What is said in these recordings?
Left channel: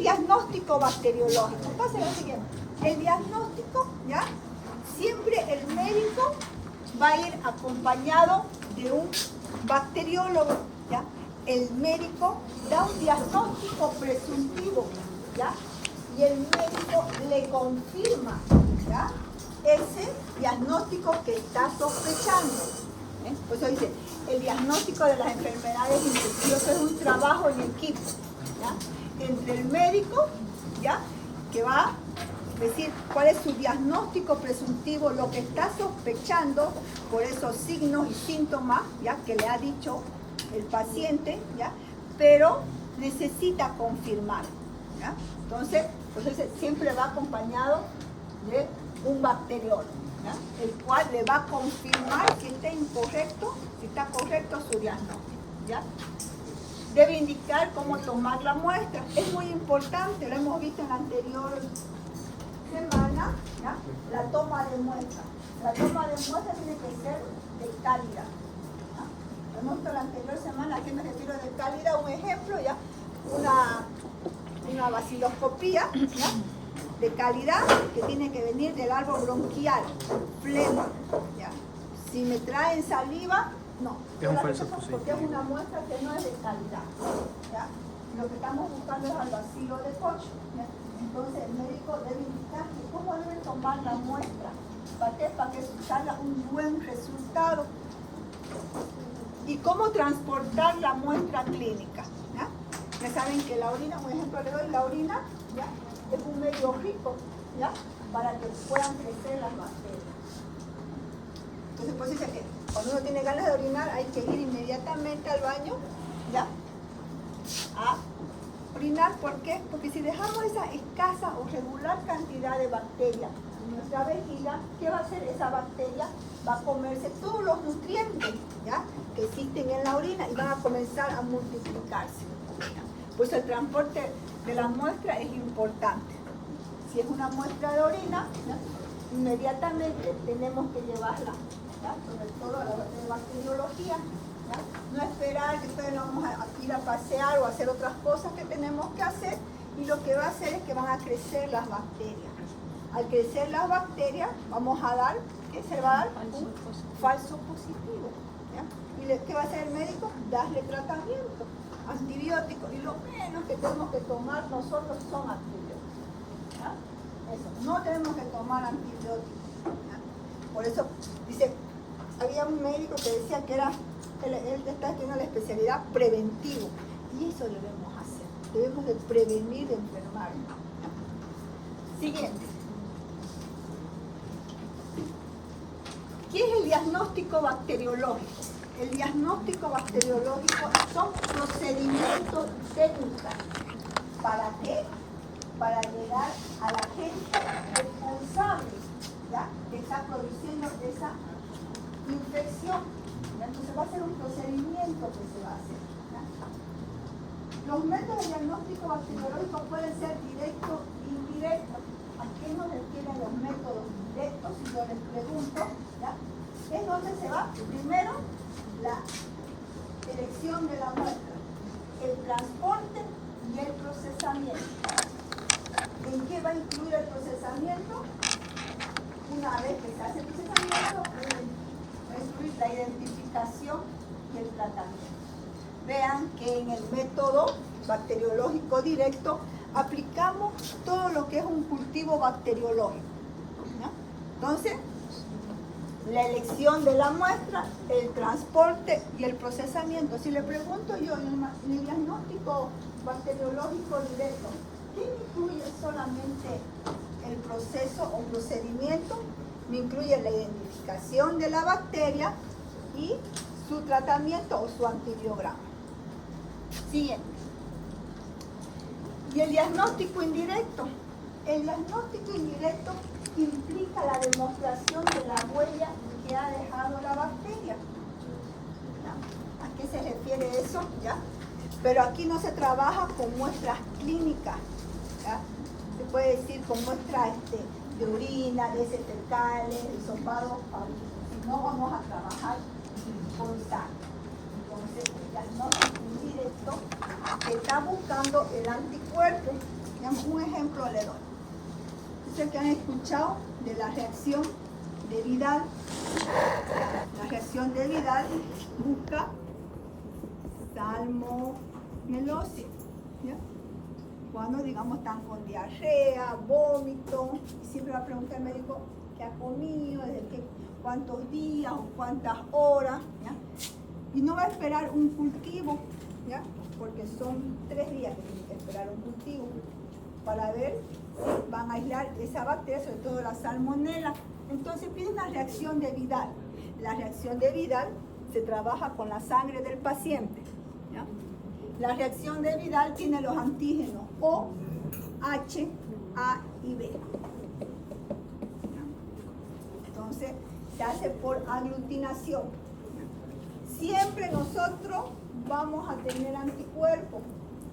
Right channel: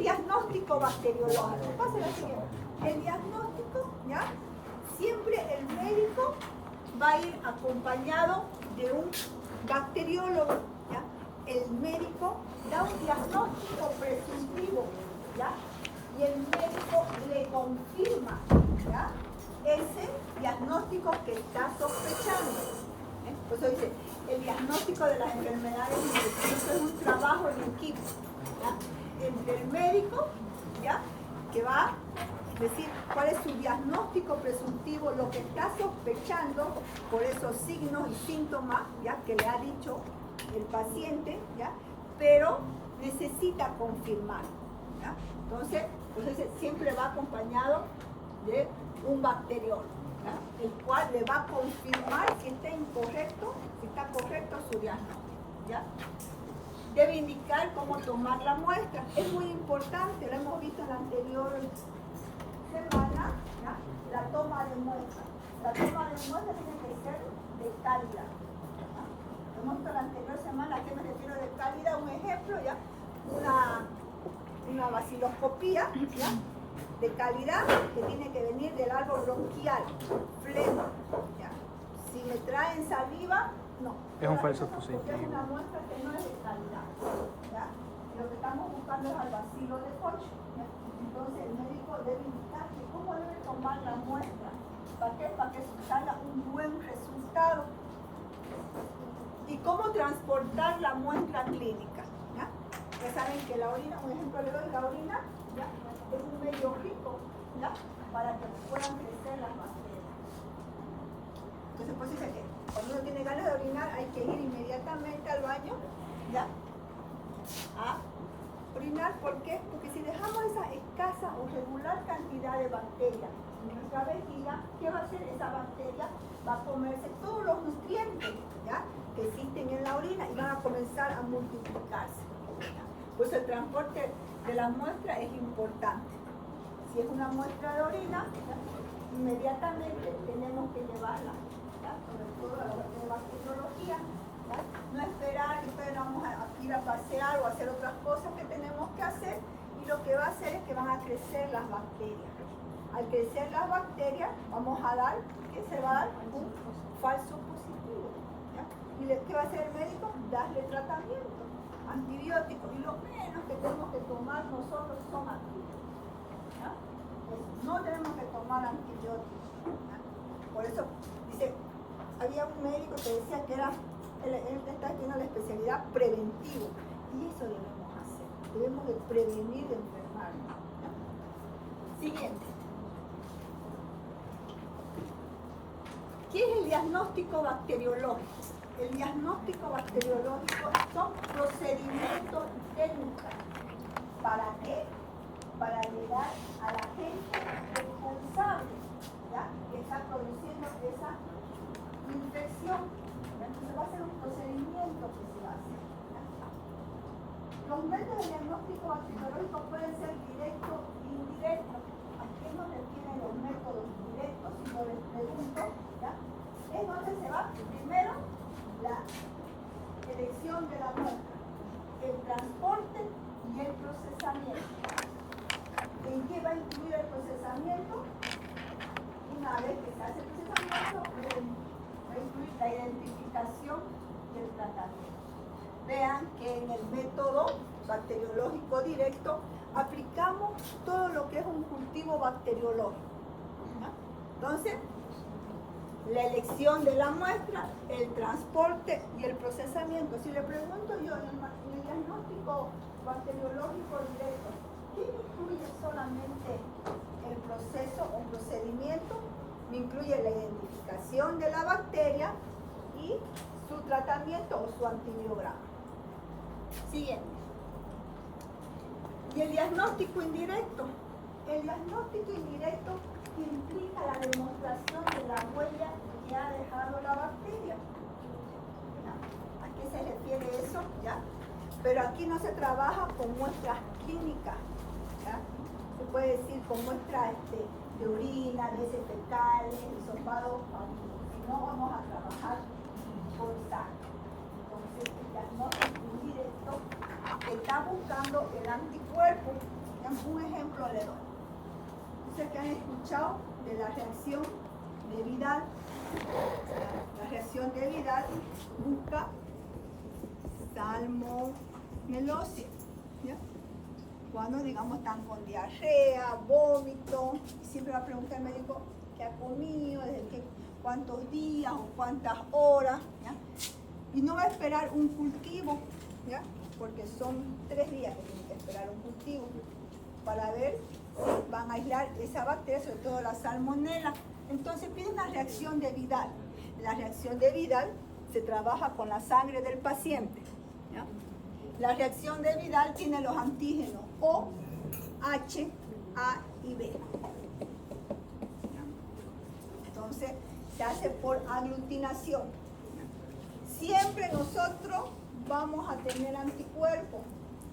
el diagnóstico bacteriológico? Pasa lo siguiente. El diagnóstico, ¿ya? Siempre el médico va a ir acompañado de un bacteriólogo, ¿ya? El médico da un diagnóstico presuntivo, ¿ya? Y el médico le confirma, ¿ya? Ese diagnóstico que está sospechando. Por eso dice, el diagnóstico de las enfermedades infecciosas es un trabajo en equipo, ¿ya? Entre el médico, ¿ya? Que va a decir cuál es su diagnóstico presuntivo, lo que está sospechando por esos signos y síntomas, ¿ya? Que le ha dicho el paciente, ¿ya? Pero necesita confirmar, ¿ya? Entonces siempre va acompañado de un bacteriólogo, ¿ya? El cual le va a confirmar si está incorrecto, si está correcto su diagnóstico, ¿ya? Debe indicar cómo tomar la muestra. Es muy importante, lo hemos visto en la anterior semana, ¿ya? La toma de muestra. La toma de muestra tiene que ser de calidad. ¿Ya? Hemos visto la anterior semana, ¿a qué me refiero de calidad? Un ejemplo, ¿ya? Una vaciloscopía, ¿ya? De calidad que tiene que venir del árbol bronquial, flema, ¿ya? Si me traen saliva, no. Es un falso positivo. Porque es una muestra que no es de calidad, ¿ya? Y lo que estamos buscando es al bacilo de Koch, ¿ya? Entonces el médico debe indicar que cómo debe tomar la muestra. ¿Para qué? Para que salga un buen resultado. Y cómo transportar la muestra clínica, ¿ya? Ya saben que la orina, por ejemplo, le doy la orina, ¿ya? Es un medio rico, ¿ya? Para que puedan crecer las bacterias. Entonces, pues dice que cuando uno tiene ganas de orinar, hay que ir inmediatamente al baño, ¿ya? A orinar. ¿Por qué? Porque si dejamos esa escasa o regular cantidad de bacterias en nuestra vejiga, ¿qué va a hacer esa bacteria? Va a comerse todos los nutrientes, ¿ya? Que existen en la orina y van a comenzar a multiplicarse. Pues el transporte de la muestra es importante. Si es una muestra de orina, ¿ya? Inmediatamente tenemos que llevarla, ¿ya? Sobre todo a la bacteriología, ¿ya? No esperar que entonces nos vamos a ir a pasear o a hacer otras cosas que tenemos que hacer, y lo que va a hacer es que van a crecer las bacterias. Al crecer las bacterias vamos a dar, ¿qué se va a dar? Un falso positivo, ¿ya? ¿Y qué va a hacer el médico? Darle tratamiento, antibióticos, y lo menos que tenemos que tomar nosotros son antibióticos, ¿ya? Eso, no tenemos que tomar antibióticos, ¿ya? Por eso dice, había un médico que decía que era, él está haciendo la especialidad preventivo, y eso debemos hacer, debemos de prevenir de enfermarnos, ¿ya? Siguiente. ¿Qué es el diagnóstico bacteriológico? El diagnóstico bacteriológico son procedimientos técnicos. ¿Para qué? Para llegar a la gente responsable, ¿ya? Que está produciendo esa infección. ¿Ya? Entonces va a ser un procedimiento que se va a hacer, ¿ya? Los métodos de diagnóstico bacteriológico pueden ser directos e indirectos. ¿A qué nos refieren los métodos directos? Si yo les pregunto, ¿ya? Es donde se va primero la elección de la muestra, el transporte y el procesamiento. ¿En qué va a incluir el procesamiento? Una vez que se hace el procesamiento, va a incluir la identificación y el tratamiento. Vean que en el método bacteriológico directo aplicamos todo lo que es un cultivo bacteriológico, ¿ya? Entonces, la elección de la muestra, el transporte y el procesamiento. Si le pregunto yo en el diagnóstico bacteriológico directo, ¿qué incluye solamente el proceso o procedimiento? Me incluye la identificación de la bacteria y su tratamiento o su antibiograma. Siguiente. Y el diagnóstico indirecto. El diagnóstico indirecto implica la demostración de la huella que ha dejado la bacteria. ¿A qué se refiere eso? ¿Ya? Pero aquí no se trabaja con muestras clínicas, ¿ya? Se puede decir con muestras de orina, de heces fecales, hisopados, no vamos a trabajar con sangre. Entonces, el diagnóstico indirecto está buscando el anticuerpo Digamos, un ejemplo le doy. Ustedes que han escuchado de la reacción de Vidal. La reacción de Vidal busca salmonelosis, ¿ya? Cuando, digamos, están con diarrea, vómito, y siempre va a preguntar al médico qué ha comido, cuántos días o cuántas horas, ¿ya? Y no va a esperar un cultivo, ¿ya? Porque son 3 días que tienen que esperar un cultivo para ver si van a aislar esa bacteria, sobre todo la salmonela. Entonces pide una reacción de Vidal. La reacción de Vidal se trabaja con la sangre del paciente, ¿ya? La reacción de Vidal tiene los antígenos O, H, A y B. Entonces se hace por aglutinación. Siempre nosotros vamos a tener anticuerpos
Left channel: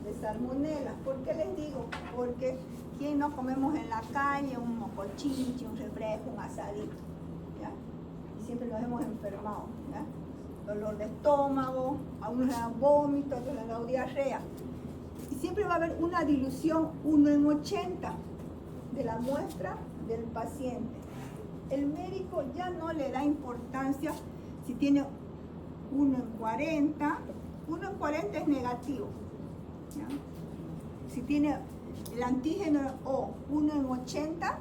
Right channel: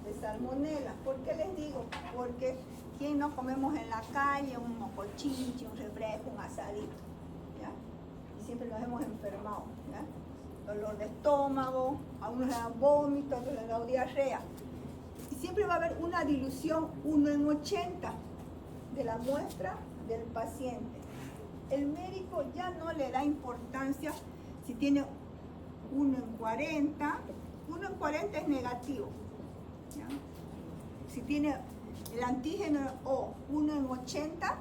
de salmonela. ¿Por qué les digo? Porque ¿quién no comemos en la calle un mocochiche, un refresco, un asadito? ¿Ya? Y siempre nos hemos enfermado, ¿ya? Dolor de estómago, a unos le dan vómito, a otros le dan diarrea. Y siempre va a haber una dilución 1 en 80 de la muestra del paciente. El médico ya no le da importancia si tiene 1 en 40. 1 en 40 es negativo, ¿ya? Si tiene el antígeno O 1 en 80,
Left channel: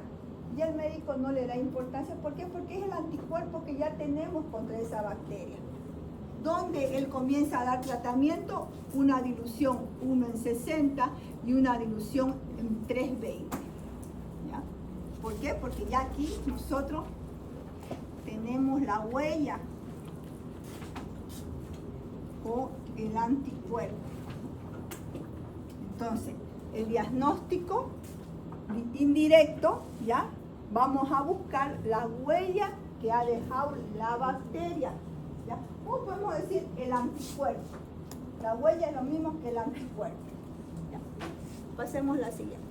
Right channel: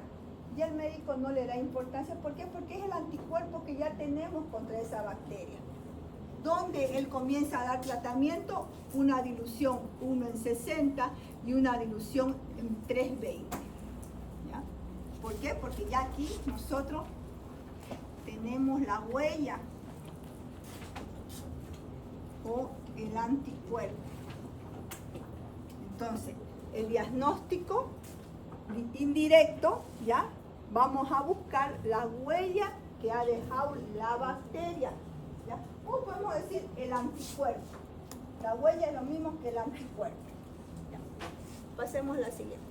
ya el médico no le da importancia. ¿Por qué? Porque es el anticuerpo que ya tenemos contra esa bacteria. Donde él comienza a dar tratamiento, una dilución 1 en 60 y una dilución en 320. ¿Ya? ¿Por qué? Porque ya aquí nosotros tenemos la huella o el anticuerpo. Entonces, el diagnóstico indirecto, ¿ya? Vamos a buscar la huella que ha dejado la bacteria, ¿ya? O podemos decir el anticuerpo. La huella es lo mismo que el anticuerpo, ¿ya? Pasemos la siguiente.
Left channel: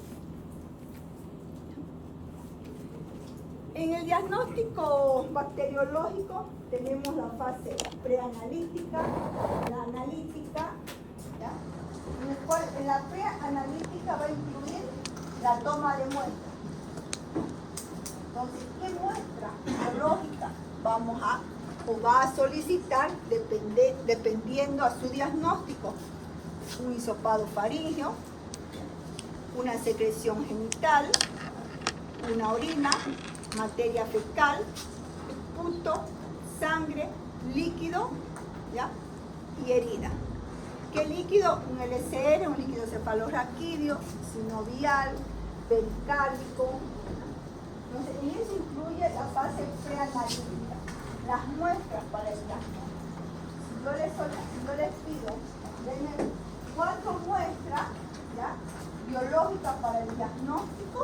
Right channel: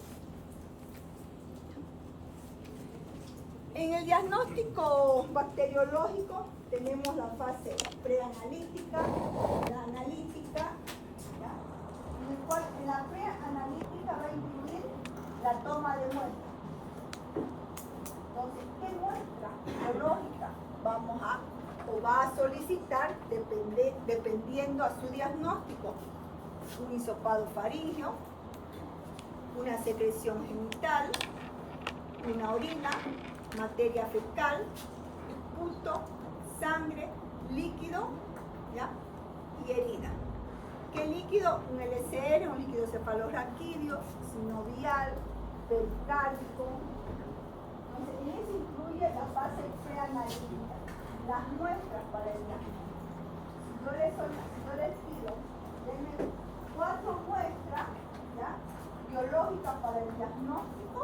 En el diagnóstico bacteriológico tenemos la fase preanalítica, la analítica, ¿ya? En el cual en la preanalítica va a incluir la toma de muestra. Entonces, ¿qué muestra biológica vamos a o va a solicitar dependiendo a su diagnóstico? Un hisopado faríngeo, una secreción genital, una orina, materia fecal, puto, sangre, líquido, ¿ya? Y herida. ¿Qué líquido? Un LCR, un líquido cefalorraquídeo, sinovial, pericárdico. Entonces, en eso incluye la fase preanalítica, las muestras para el diagnóstico. Si yo les pido, denme 4 muestras, ¿ya? Biológicas para el diagnóstico,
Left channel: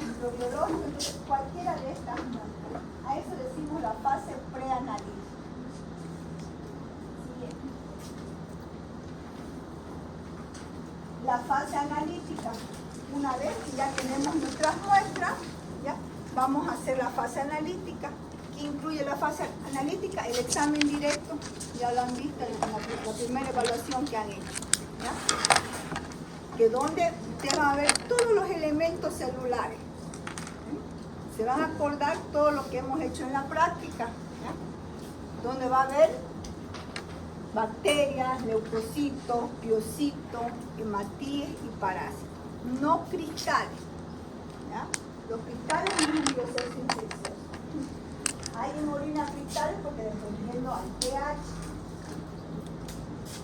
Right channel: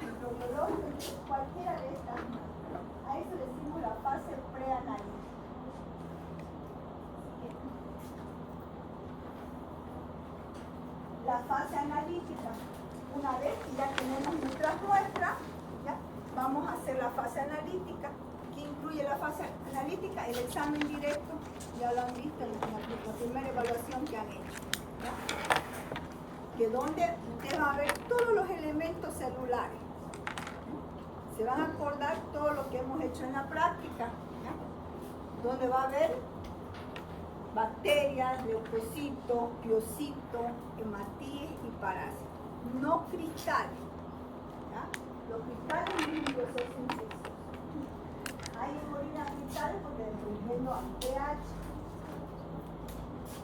microbiológico, cualquiera de estas muestras. A eso decimos la fase preanalítica. La fase analítica, una vez que ya tenemos nuestras muestras, ¿ya? Vamos a hacer la fase analítica. ¿Qué incluye la fase analítica? El examen directo, ya lo han visto en la primera evaluación que han hecho, ¿ya? Que donde ustedes van a ver todos los elementos celulares. Se van a acordar todo lo que hemos hecho en la práctica, ¿ya? Donde va a haber bacterias, leucocitos, piocitos, hematíes y parásitos. No cristales, ¿ya? Los cristales no es un proceso infeccioso. Hay en orina cristales porque dependiendo al pH.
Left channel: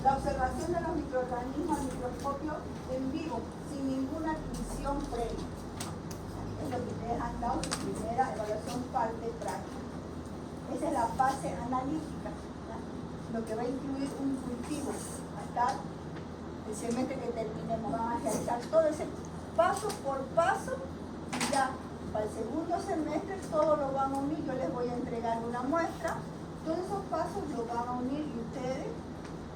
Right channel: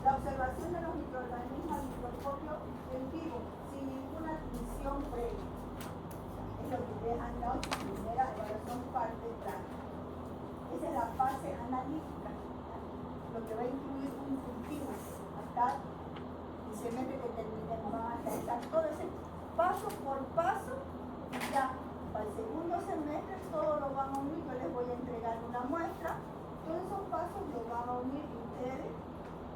La observación de los microorganismos al microscopio en vivo, sin ninguna admisión previa. Es lo que ustedes han dado su primera evaluación parte práctica. Esa es la fase analítica, ¿ya? Lo que va a incluir un cultivo hasta el semestre que terminemos. Van a realizar todo ese paso por paso y ya para el segundo semestre todo lo van a unir. Yo les voy a entregar una muestra, todos esos pasos lo van a unir y ustedes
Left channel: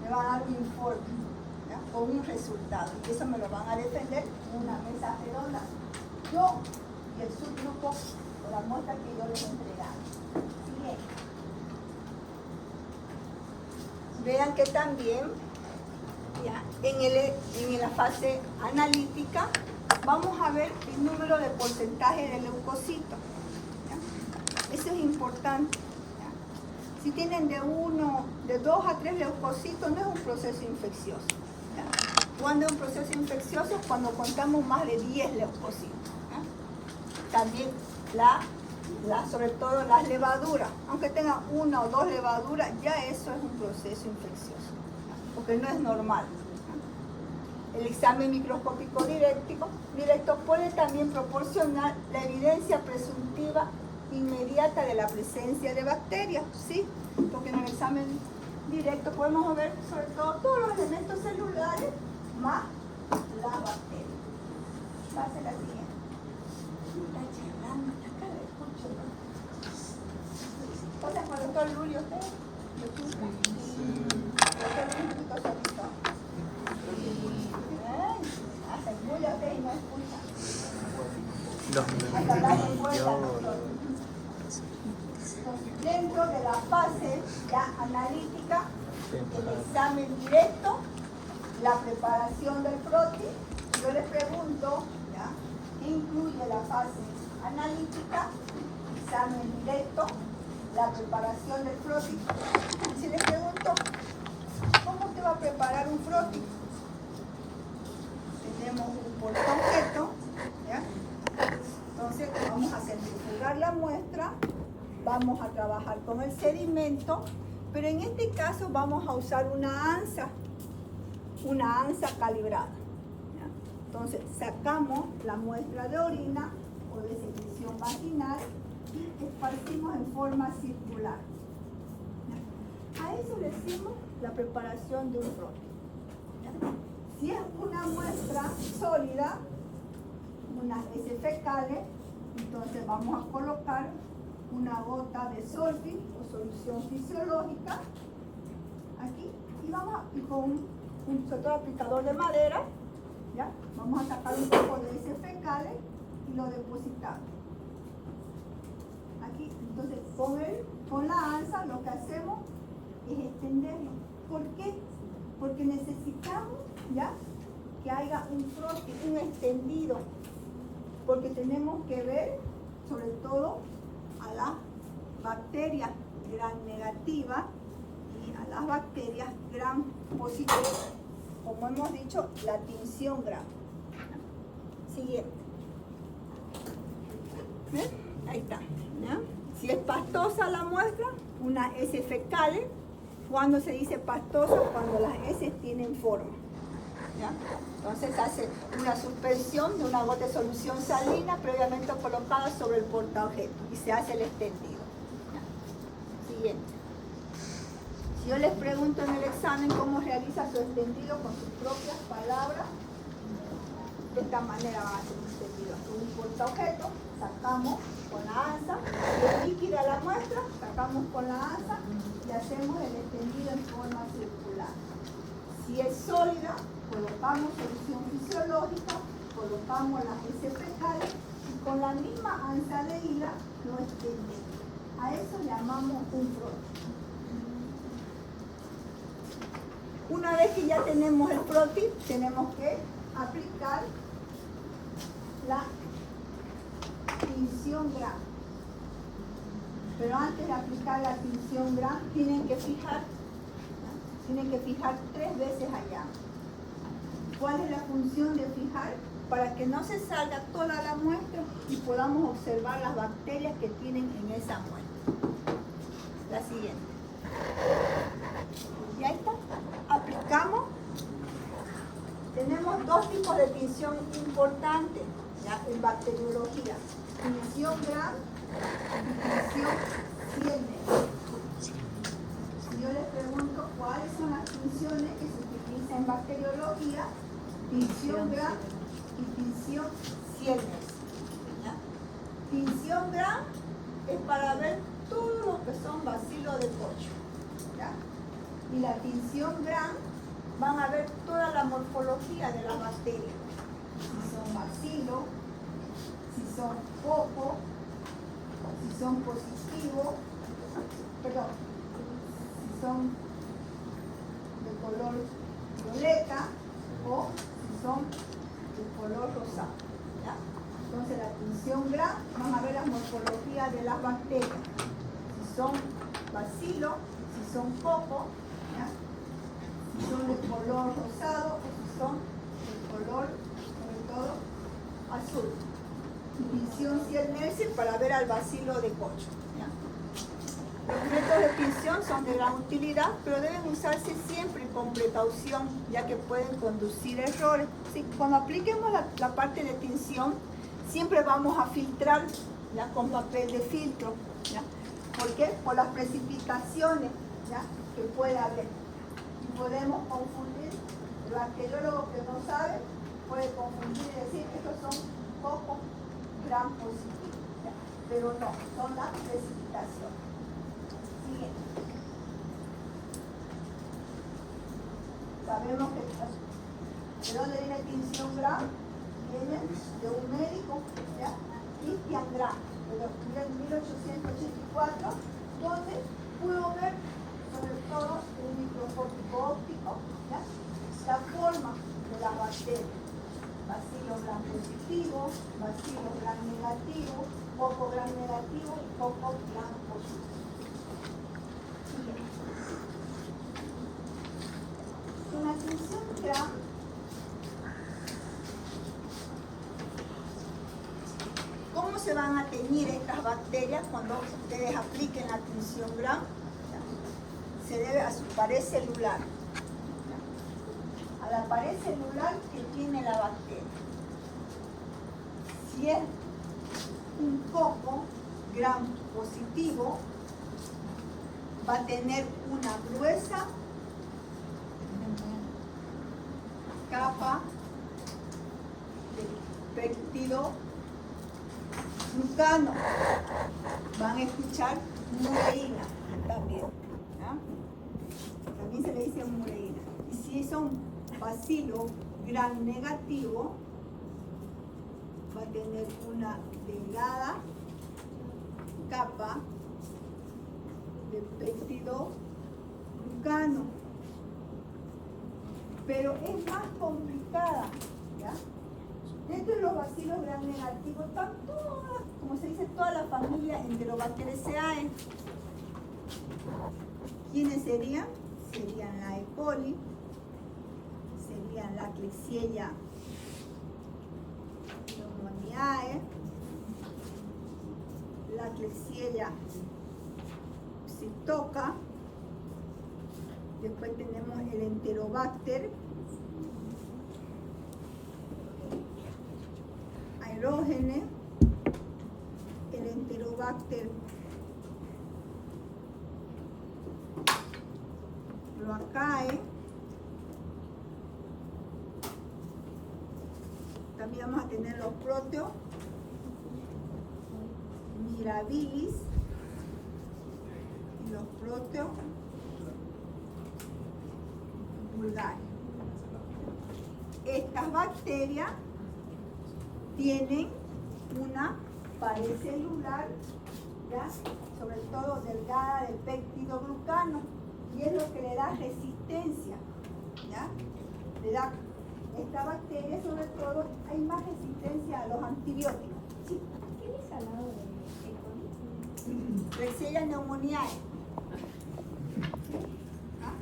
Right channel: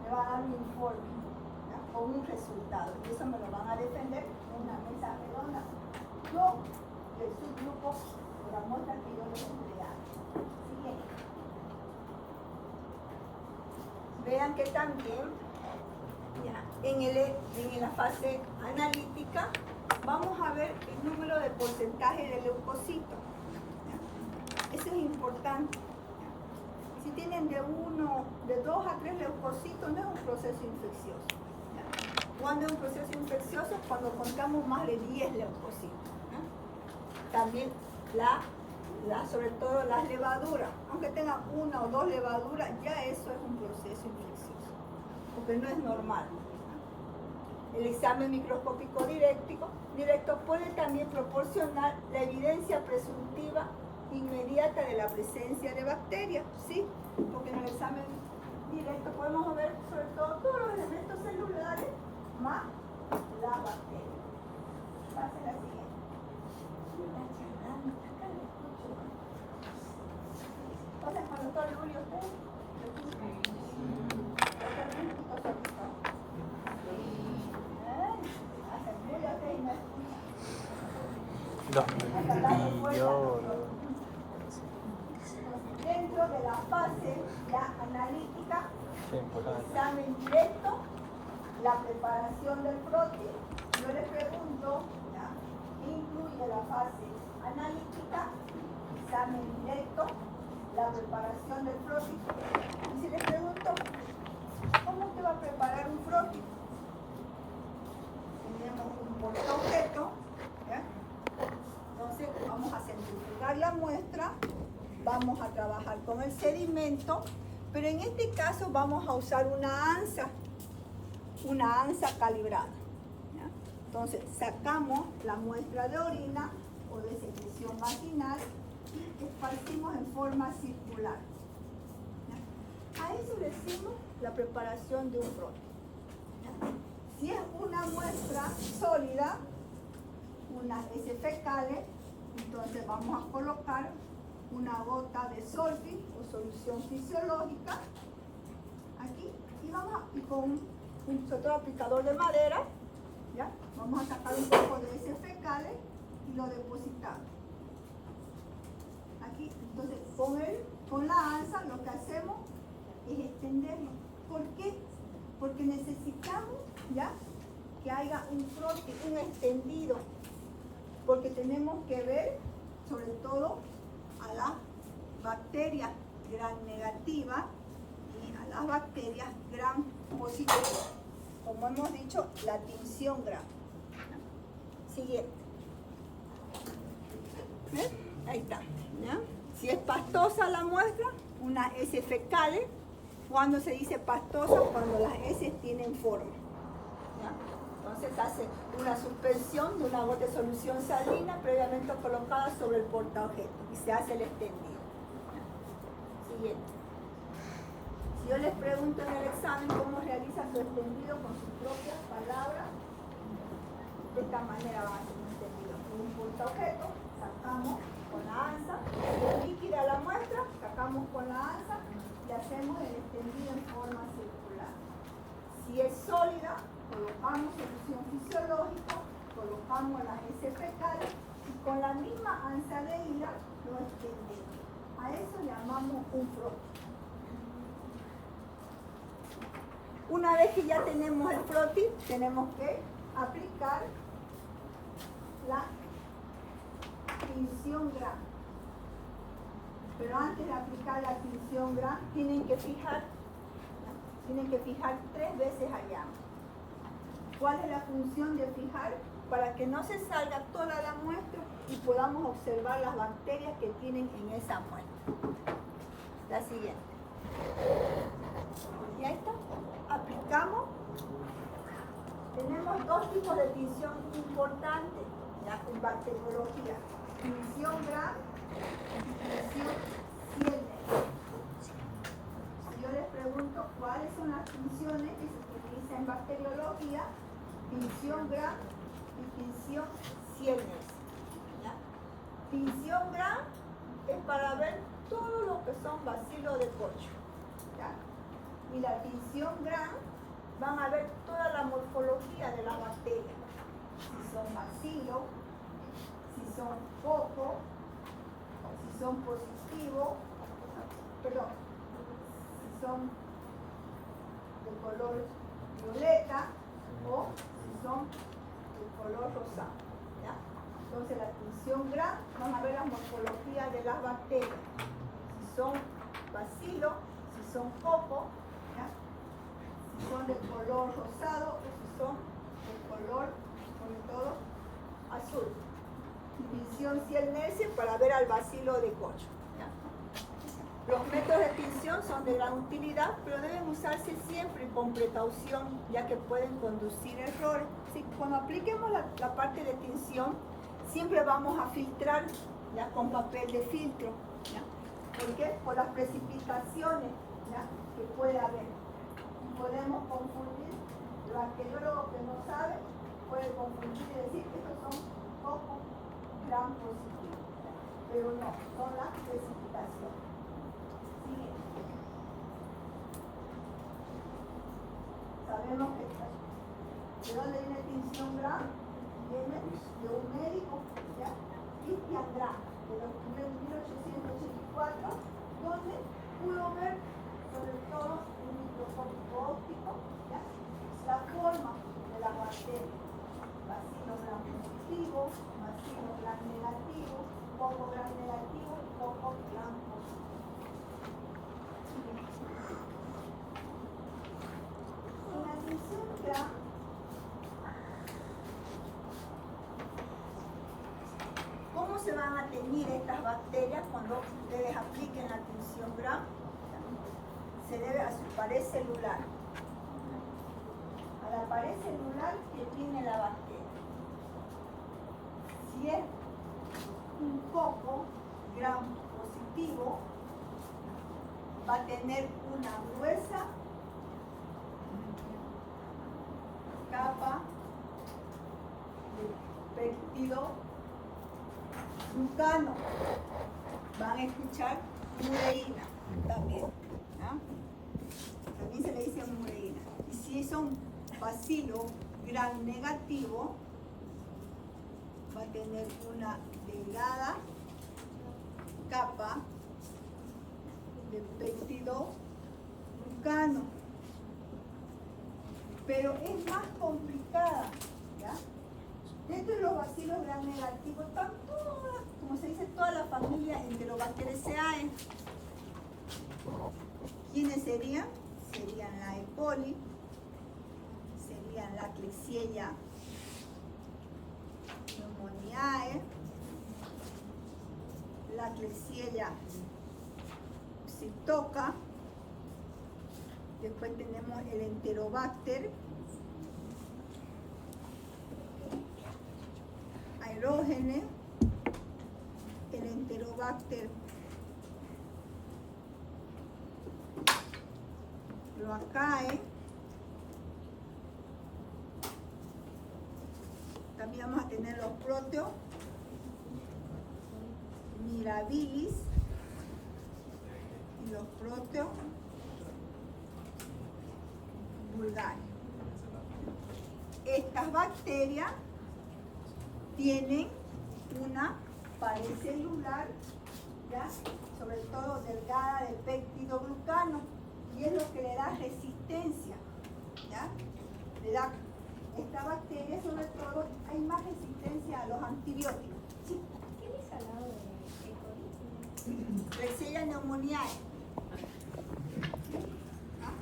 me van a dar un informe, ¿ya? O un resultado, y eso me lo van a defender en una mesa redonda, yo y el subgrupo por la muestra que yo les entregaba. Siguiente. Vean que también ya, en la fase analítica vamos a ver el número de porcentaje de leucocitos. ¿Ya? Eso es importante. ¿Ya? Si tienen de 2 a 3 leucocitos, no es un proceso infeccioso. ¿Ya? Cuando es un proceso infeccioso, cuando contamos más de 10 leucocitos. ¿Ya? También sobre todo las levaduras, aunque tengan 1 o 2 levaduras, ya eso es un proceso infeccioso, porque no es normal. El examen microscópico directo puede también proporcionar la evidencia presuntiva inmediata de la presencia de bacterias, ¿sí? Porque en el examen directo podemos ver sobre todo todos los elementos celulares más las bacterias. Va a ser la siguiente. ¿Pasa con el doctor Julio usted? Dentro de la fase ya analítica, el examen directo, la preparación del frotis, yo les pregunto, ¿ya? ¿Qué incluye la fase analítica, examen directo, la preparación del frotis? Si les pregunto, ¿cómo te va a preparar un frotis? Tenemos un portaobjeto, ¿ya? Entonces vamos a centrifugar la muestra, vamos a trabajar con el sedimento, pero en este caso vamos a usar una ansa calibrada. ¿Ya? Entonces sacamos la muestra de orina o de secreción vaginal y esparcimos en forma circular. ¿Ya? A eso le decimos la preparación de un frotis. Si es una muestra sólida, unas heces fecales, entonces vamos a colocar una gota de Solfi o solución fisiológica aquí y con un sobre todo aplicador de madera, ¿ya? Vamos a sacar un poco de heces fecales y lo depositamos aquí. Entonces con la ansa lo que hacemos es extenderlo. ¿Por qué? Porque necesitamos, ¿ya?, que haya un frotis, un extendido, porque tenemos que ver sobre todo a las bacterias gram negativas y a las bacterias gram positivas. Como hemos dicho, la tinción gram. Siguiente. ¿Ven? Ahí está. ¿Ya? Si es pastosa la muestra, unas heces fecales. Cuando se dice pastosa, cuando las heces tienen forma. ¿Ya? Entonces se hace una suspensión de una gota de solución salina previamente colocada sobre el portaobjeto y se hace el extendido. ¿Ya? Siguiente. Si yo les pregunto en el examen cómo realiza su extendido con sus propias palabras, de esta manera va a hacer un extendido. Un portaobjeto, sacamos con la ansa, es líquida la muestra, sacamos con la ansa y hacemos el extendido en forma circular. Si es sólida, colocamos solución fisiológica, colocamos las heces fecales y con la misma ansa de hila lo extendemos. A eso llamamos un frotis. Una vez que ya tenemos el frotis, tenemos que aplicar la tinción gram. Pero antes de aplicar la tinción gram, tienen que fijar 3 veces allá. ¿Cuál es la función de fijar? Para que no se salga toda la muestra y podamos observar las bacterias que tienen en esa muestra. La siguiente. Y ahí está. Aplicamos. Tenemos 2 tipos de tinción importantes, ¿ya?, en bacteriología. Tinción gram y tinción Siemens. Si yo les pregunto cuáles son las tinciones que se utilizan en bacteriología, tinción gram y tinción Siemens. Tinción gram es para ver todo lo que son bacilos de Koch. ¿Ya? Y la tinción gram van a ver toda la morfología de las bacterias. Si son bacilos, si son poco, si son positivos, si son de color violeta, tonalidad de las bacterias. Si son bacilo, si son coco, ¿ya? Si son de color rosado o si son de color, sobre todo, azul. Tinción Ciel-Nielsen para ver al bacilo de cocho. ¿Ya? Los métodos de tinción son de gran utilidad, pero deben usarse siempre con precaución, ya que pueden conducir errores. Sí, cuando apliquemos la parte de tinción, siempre vamos a filtrar, ¿ya? Con papel de filtro. ¿Ya? ¿Por qué? Por las precipitaciones, ¿ya? Que puede haber. Y podemos confundir, el bacteriólogo que no sabe puede confundir y decir que estos son pocos gram positivos, ¿ya? Pero no, son las precipitaciones. Siguiente. Sabemos que ¿de dónde viene tinción gram? Viene de un médico, ¿ya? Christian Gram, que lo escribió en 1884, donde pudo ver sobre todo un microscópico óptico, ¿ya? La forma de la bacteria. Bacilo gram positivo, bacilo gram negativo, poco gram negativo, poco gram positivo. En la tinción gram, ¿cómo se van a teñir estas bacterias cuando ustedes apliquen la tinción gram? Se debe a su pared celular. A la pared celular que tiene la bacteria. Si es un coco gram positivo, va a tener una gruesa capa de péptido glucano. Van a escuchar mureína también. ¿Ya? También se le dice mureína. Y si son bacilo gram negativo, va a tener una delgada capa de péptido glucano. Pero es más complicada, ¿ya? Dentro de los bacilos gram negativos están todas, como se dice, toda la familia Enterobacteriaceae. ¿Quiénes serían? Serían la E. coli, serían la Klebsiella pneumoniae, la Klebsiella psistoca, después tenemos el Enterobacter aerógene, el Enterobacter cloacae, también vamos a tener los proteos mirabilis y los proteos vulgares. Estas bacterias tienen una pared celular, ¿ya? Sobre todo delgada de péptido glucano, y es lo que le da resistencia, ¿ya? Le da esta bacteria, sobre todo, hay más resistencia a los antibióticos. ¿Sí? ¿Qué es al lado de E. coli? Klebsiella pneumoniae. ¿Ah?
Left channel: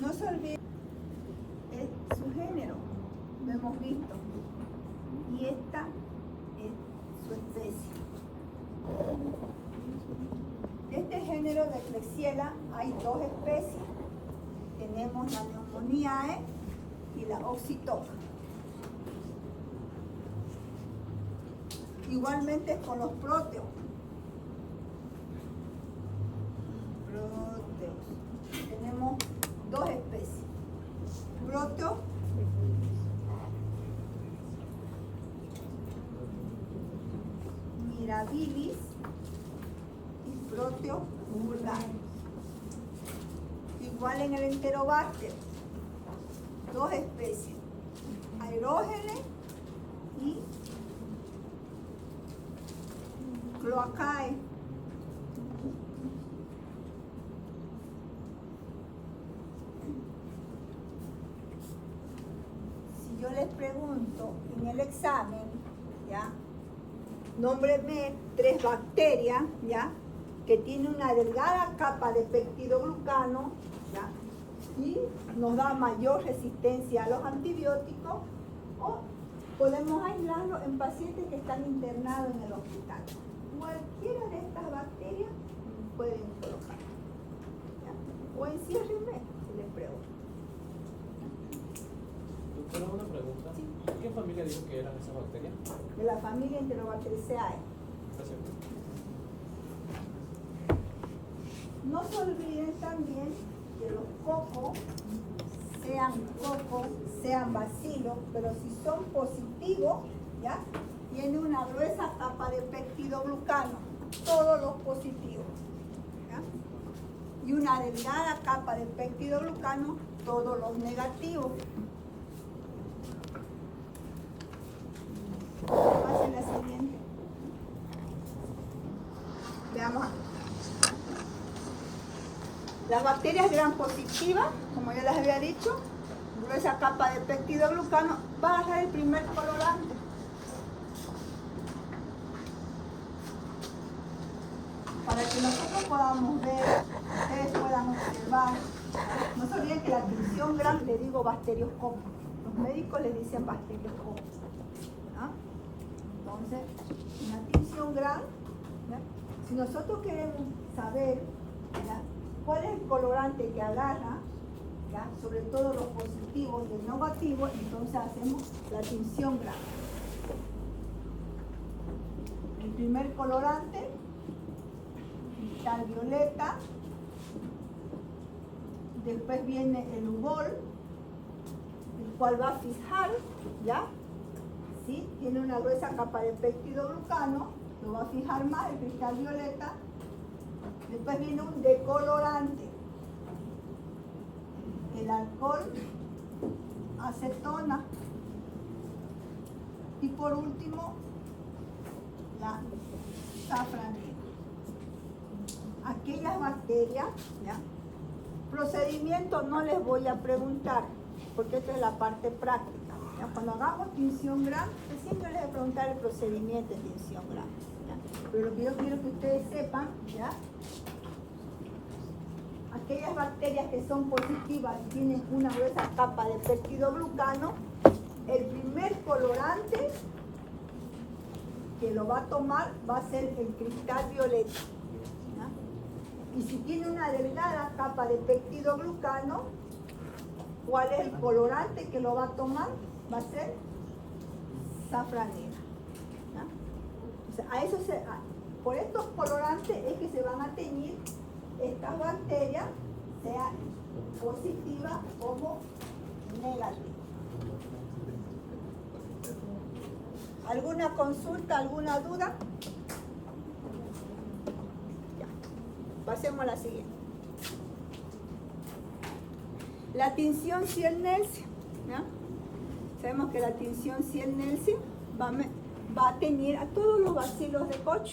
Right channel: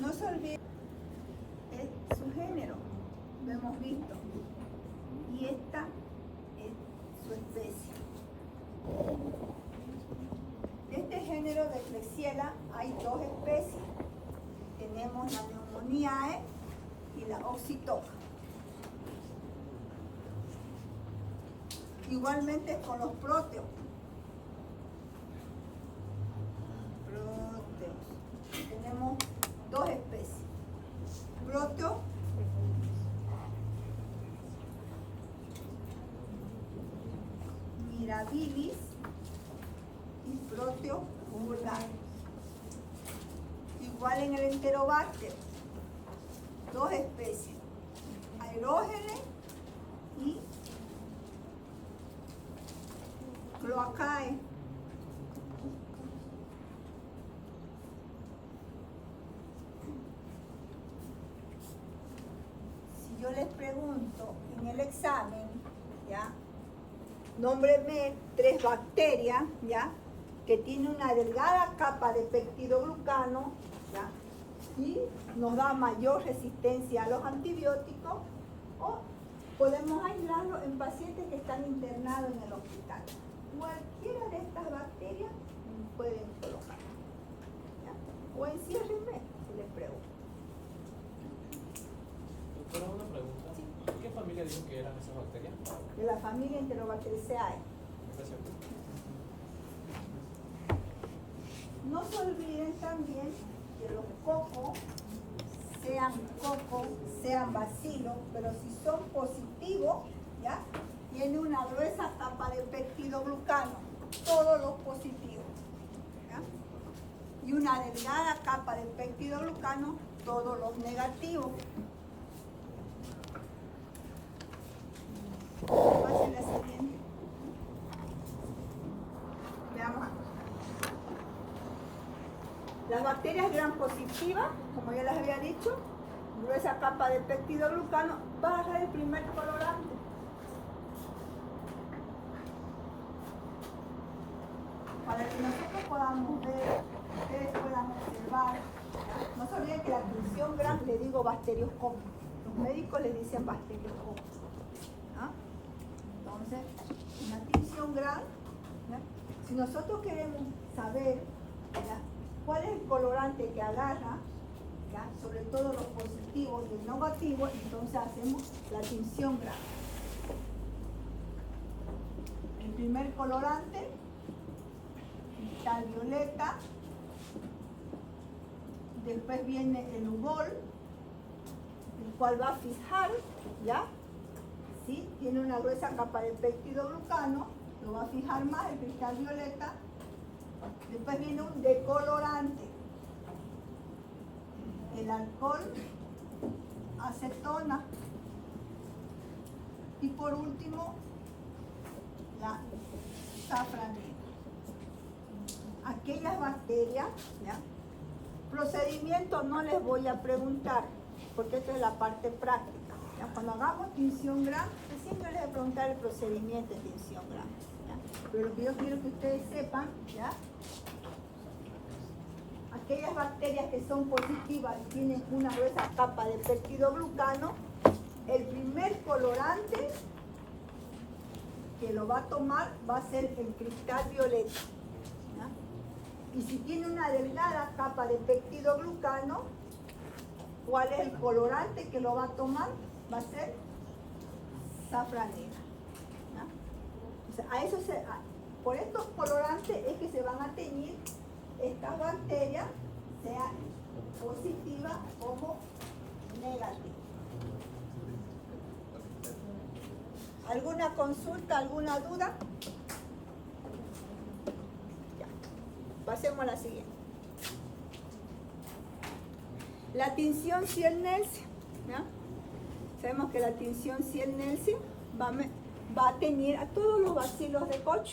No se olviden, es su género, lo hemos visto, y esta es su especie. De este género de Klebsiella hay dos especies. Tenemos la Pneumoniae y la Oxytoca. Igualmente con los proteos. Tenemos dos especies. Proteo mirabilis y Proteo vulgaris. Igual en el Enterobacter. dos especies, Aerogenes y Cloacae. Si yo les pregunto en el examen, ¿ya? Nómbreme 3 bacterias, ¿ya? Que tienen una delgada capa de peptidoglucano, ¿ya? Y nos da mayor resistencia a los antibióticos, o podemos aislarlo en pacientes que están internados en el hospital. Cualquiera de estas bacterias pueden colocar, ¿ya? O enciérrenme, si les pregunto. Doctora, una pregunta. Sí. ¿Qué familia dijo que eran esas bacterias? De la familia Enterobacteriaceae. Gracias. No se olviden también que los cocos, sean bacilos, pero si son positivos, ¿ya? Tiene una gruesa capa de peptidoglucano, todos los positivos, ¿ya? Y una delgada capa de peptidoglucano, todos los negativos. Pasen la siguiente. Veamos. Las bacterias gram positivas, como ya les había dicho, gruesa capa de peptidoglucano, va a ser el primer colorante. Para que nosotros podamos ver, ustedes puedan observar. No se olviden que la tinción gram le digo bacterioscopio. Los médicos le dicen bacterioscopio, ¿no? Entonces, en la tinción gram, ¿ya? Si nosotros queremos saber, ¿ya?, cuál es el colorante que agarra, ¿ya?, sobre todo los positivos y el negativo, entonces hacemos la tinción gram. El primer colorante, cristal violeta, después viene el ugol, el cual va a fijar, ¿ya? ¿Sí? Tiene una gruesa capa de peptidoglucano, lo va a fijar más el cristal violeta. Después viene un decolorante, el alcohol, acetona, y por último la safranina. Aquellas bacterias, ¿ya? Procedimiento no les voy a preguntar, porque esta es la parte práctica, ¿ya? Cuando hagamos tinción gram, recién yo les voy a preguntar el procedimiento de tinción gram, ¿ya? Pero lo que yo quiero que ustedes sepan, ¿ya?, aquellas bacterias que son positivas y tienen una gruesa capa de peptidoglucano, el primer colorante que lo va a tomar va a ser el cristal violeta, ¿ya? Y si tiene una delgada capa de peptidoglucano, ¿cuál es el colorante que lo va a tomar? Va a ser safranina, ¿ya? O sea, por estos colorantes es que se van a teñir estas bacterias, sea positiva como negativa. ¿Alguna consulta, alguna duda? Ya. Pasemos a la siguiente. La tinción Ciel-Nielsen, ¿ya? Sabemos que la tinción Ciel-Nielsen va a teñir a todos los bacilos de Koch,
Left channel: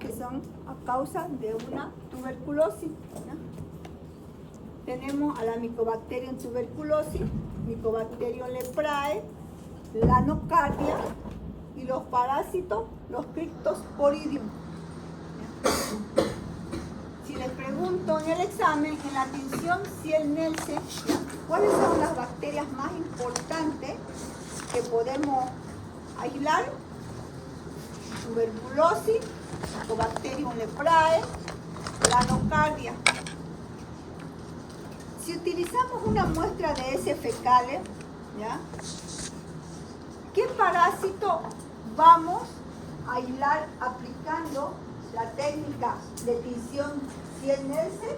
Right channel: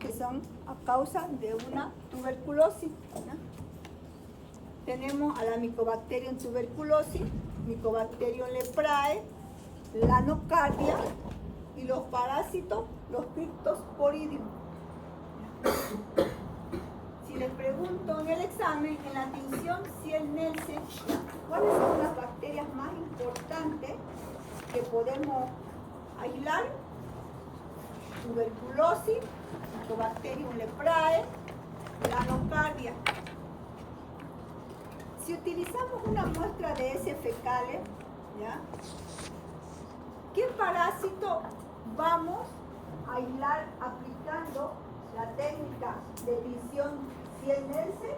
que son a causa de una tuberculosis, ¿no? Tenemos a la Mycobacterium tuberculosis, Mycobacterium leprae, la nocardia y los parásitos, los Cryptosporidium. Si les pregunto en el examen, en la tinción Ciel-Nielsen, ¿cuáles son las bacterias más importantes que podemos aislar? Tuberculosis, Mycobacterium leprae, la nocardia. Si utilizamos una muestra de heces fecales, ¿ya?, ¿qué parásito vamos a aislar aplicando la técnica de tinción Ciel-Nielsen?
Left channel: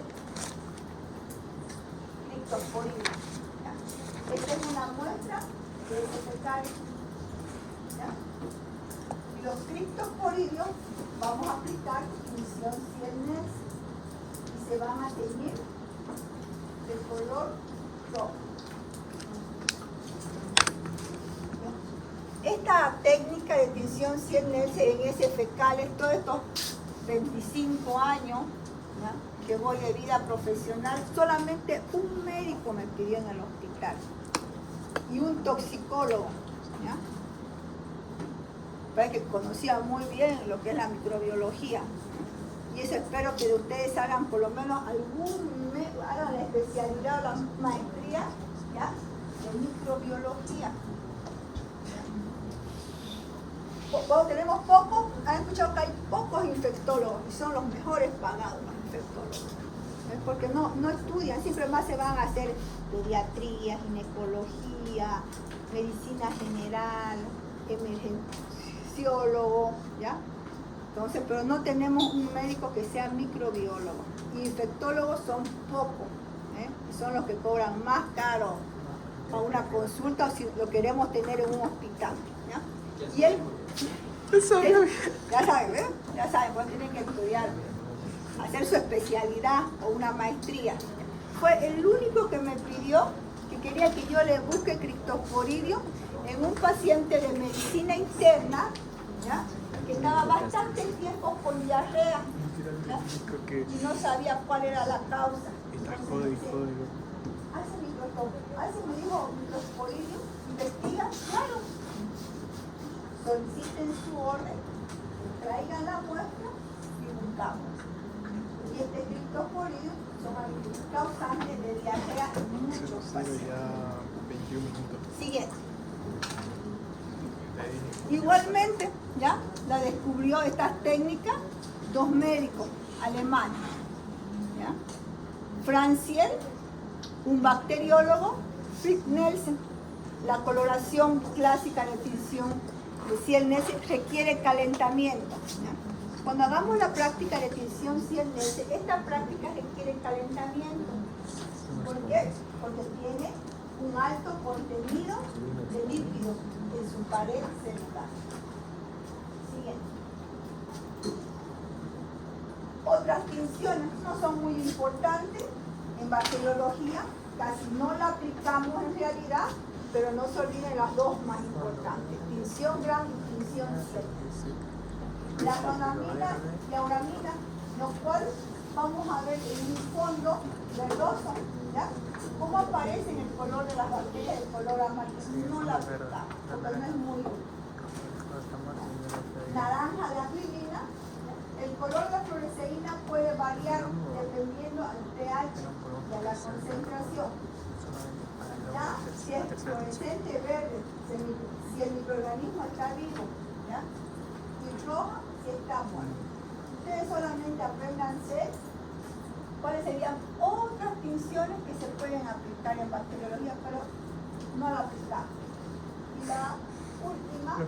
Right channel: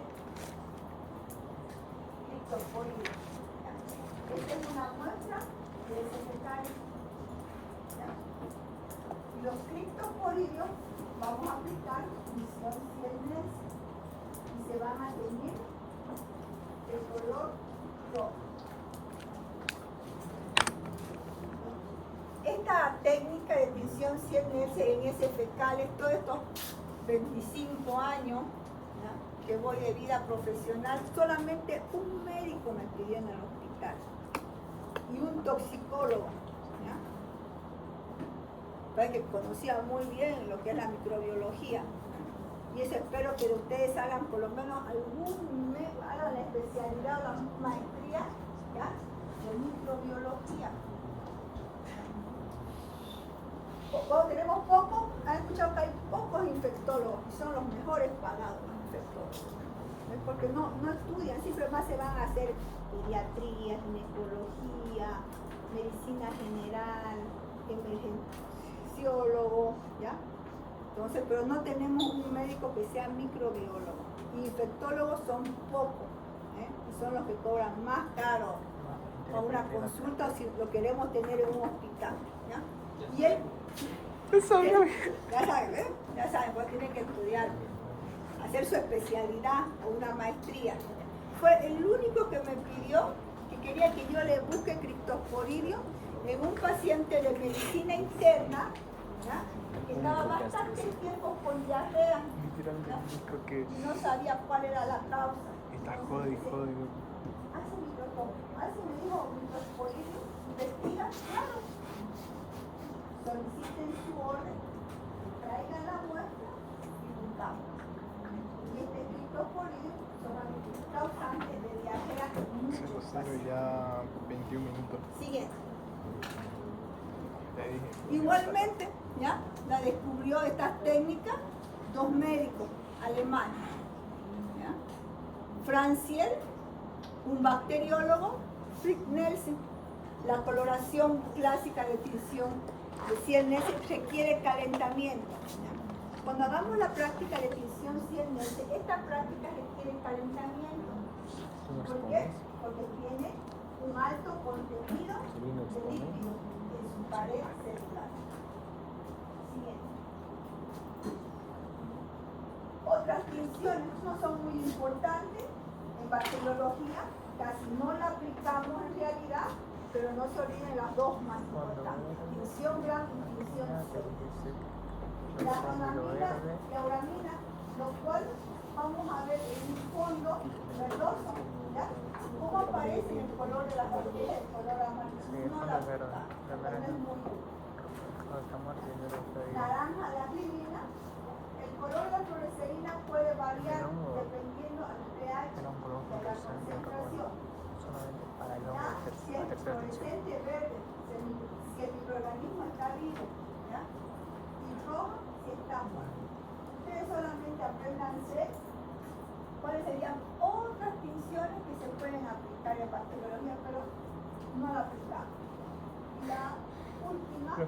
Cryptosporidium. Esta es una muestra de heces fecales, ¿ya? Y los Cryptosporidium vamos a aplicar tinción Ciel-Nielsen y se van a teñir de color rojo. práctica de tinción 100 en ese fecales, todos estos 25 años, ¿ya?, que voy de vida profesional, solamente un médico me pidió en el hospital y un toxicólogo, ¿ya?, para que conocía muy bien lo que es la microbiología. Y eso espero que ustedes hagan por lo menos hagan la especialidad o la maestría, ¿ya?, de microbiología. Cuando tenemos pocos, han escuchado que hay pocos infectólogos y son los mejores pagados los infectólogos. ¿Ves? Porque no estudian, siempre más se van a hacer pediatría, ginecología, medicina general, emergenciólogo, ¿ya? Entonces, pero no tenemos un médico que sea microbiólogo. Y infectólogos son pocos, ¿eh? Y son los que cobran más caro a una consulta o si lo queremos tener en un hospital, ¿ya? Y él, ya saben, ¿eh? Ya saben, pues tienen que estudiar, hacer su especialidad o una maestría. Fue el único que me pidió que quería que yo le busque criptosporidium en un paciente de medicina interna, ¿ya?, que estaba bastante tiempo con diarrea, ¿ya?, y no sabía cuál era la causa. Hace me dijo criptosporidium, investiga, claro, soliciten su orden, traigan la muestra y buscamos. Y este criptosporidium son algunos causantes de diarrea en muchos pacientes. Ya 21 minutos. Siguiente. Igualmente, ¿ya?, la descubrió estas técnicas dos médicos alemanes, ¿ya?, Franciel, un bacteriólogo, Fritz Nelsen. La coloración clásica de tinción de 100 Nelsen requiere calentamiento, ¿ya? Cuando hagamos la práctica de tinción 100 Nelsen, esta práctica requiere calentamiento. ¿Por qué? Porque tiene un alto contenido de lípidos en su pared celular. Siguiente. Otras tinciones no son muy importantes en bacteriología, casi no la aplicamos en realidad, pero no se olviden las dos más importantes: tinción gran y tinción C. La aronamina y la uramina, lo cual vamos a ver en un fondo verdoso, ¿ya?, cómo aparece en el color de las bacterias, el color amarillo. No la aplicamos, porque no es muy naranja la virina. El color de la fluoresceína puede variar dependiendo del pH y de la concentración. ¿Ya? Si es fluorescente verde, si el microorganismo está vivo, ¿ya?, y roja si está muerto. Ustedes solamente apréndanse cuáles serían otras tinciones que se pueden aplicar en bacteriología, pero no la aplicamos. Y la última,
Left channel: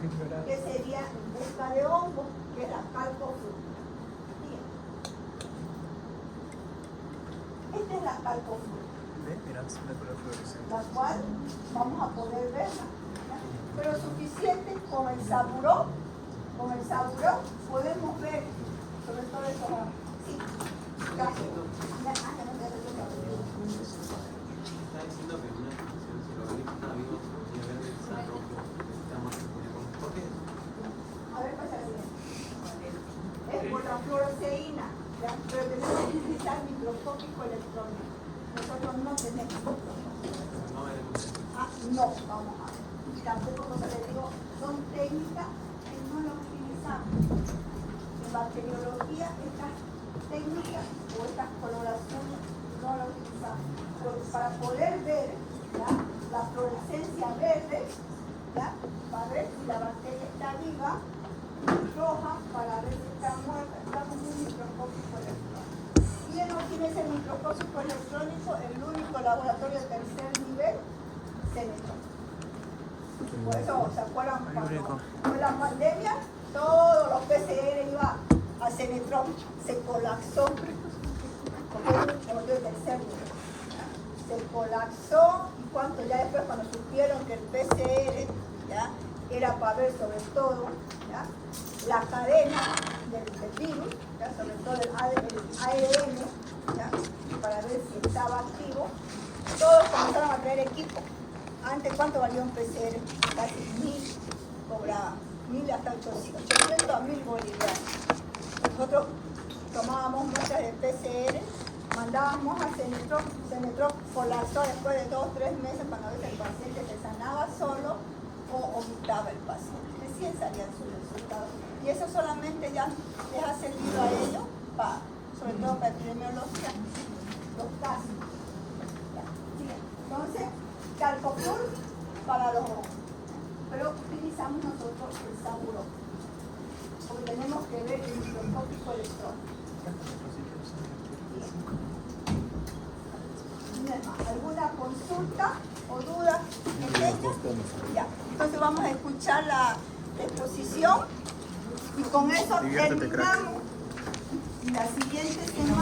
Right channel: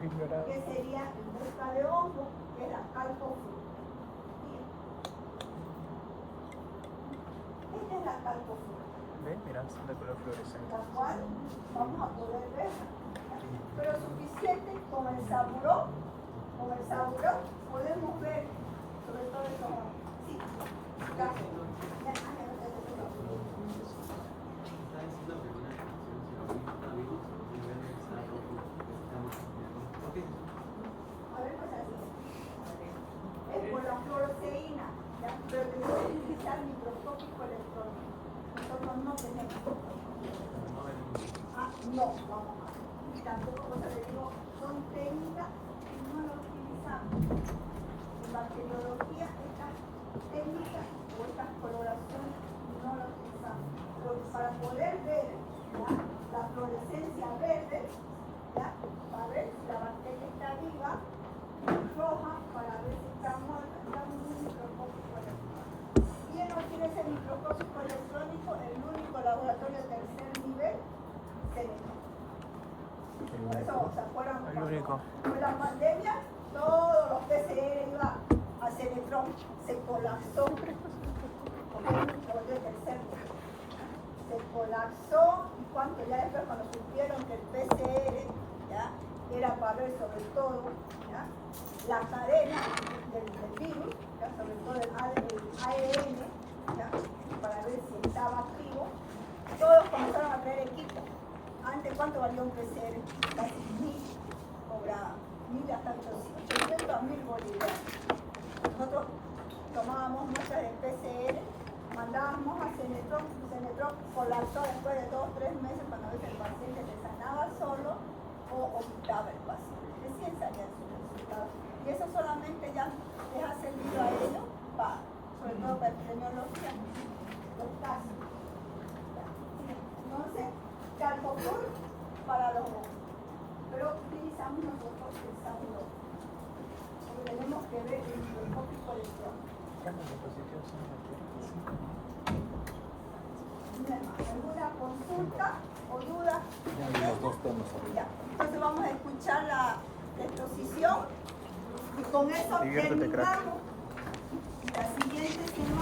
que sería esta de hongo, que es la calcofruta. Esta es la calcofruta, la cual vamos a poder verla, pero suficiente con el saburón podemos ver sobre todo eso. Sí, gracias. Es por la fluoresceína, pero tenemos que utilizar microscópico electrónico. Nosotros no tenemos. No, vamos a ver. Y tampoco, como les digo, son técnicas que no lo utilizamos. En bacteriología, estas técnicas o estas coloraciones no las utilizamos. Pero para poder ver, ¿ya?, la fluorescencia verde, ¿ya?, para ver si la bacteria está viva, roja para ver si está muerta, estamos en un microscópico electrónico. ¿Quién no tiene ese microscópico electrónico? El único laboratorio de tercer nivel, CENETRON. Por eso, ¿se acuerdan? Cuando fue la pandemia, todos los PCR iban a CENETRON, se colapsó, porque es un laboratorio de tercer nivel. Se colapsó, y cuando ya después, cuando supieron que el PCR, ¿ya?, era para ver sobre todo, ¿ya?, la cadena del virus, ¿ya?, sobre todo el ARN, ¿ya?, para ver si estaba activo. Todos comenzaron a traer equipo. Antes, ¿cuánto valía un PCR? Casi 1000, cobraba 1000 hasta 800 a 1000 bolivianos. Nosotros tomábamos muestras de PCR, mandábamos a Cenetrop colapsó después de 2 o 3 meses cuando a veces el paciente se sanaba solo o vomitaba el paciente. Recién salían sus resultados. Y eso solamente ya les ha servido a ellos, sobre todo para epidemiología, los casos. Entonces, Calcopur para los ojos. Pero utilizamos nosotros el Sauro, porque tenemos que ver el microscópico electrónico. ¿Alguna consulta o duda? Ya. Entonces vamos a escuchar la exposición y con eso terminamos la siguiente semana.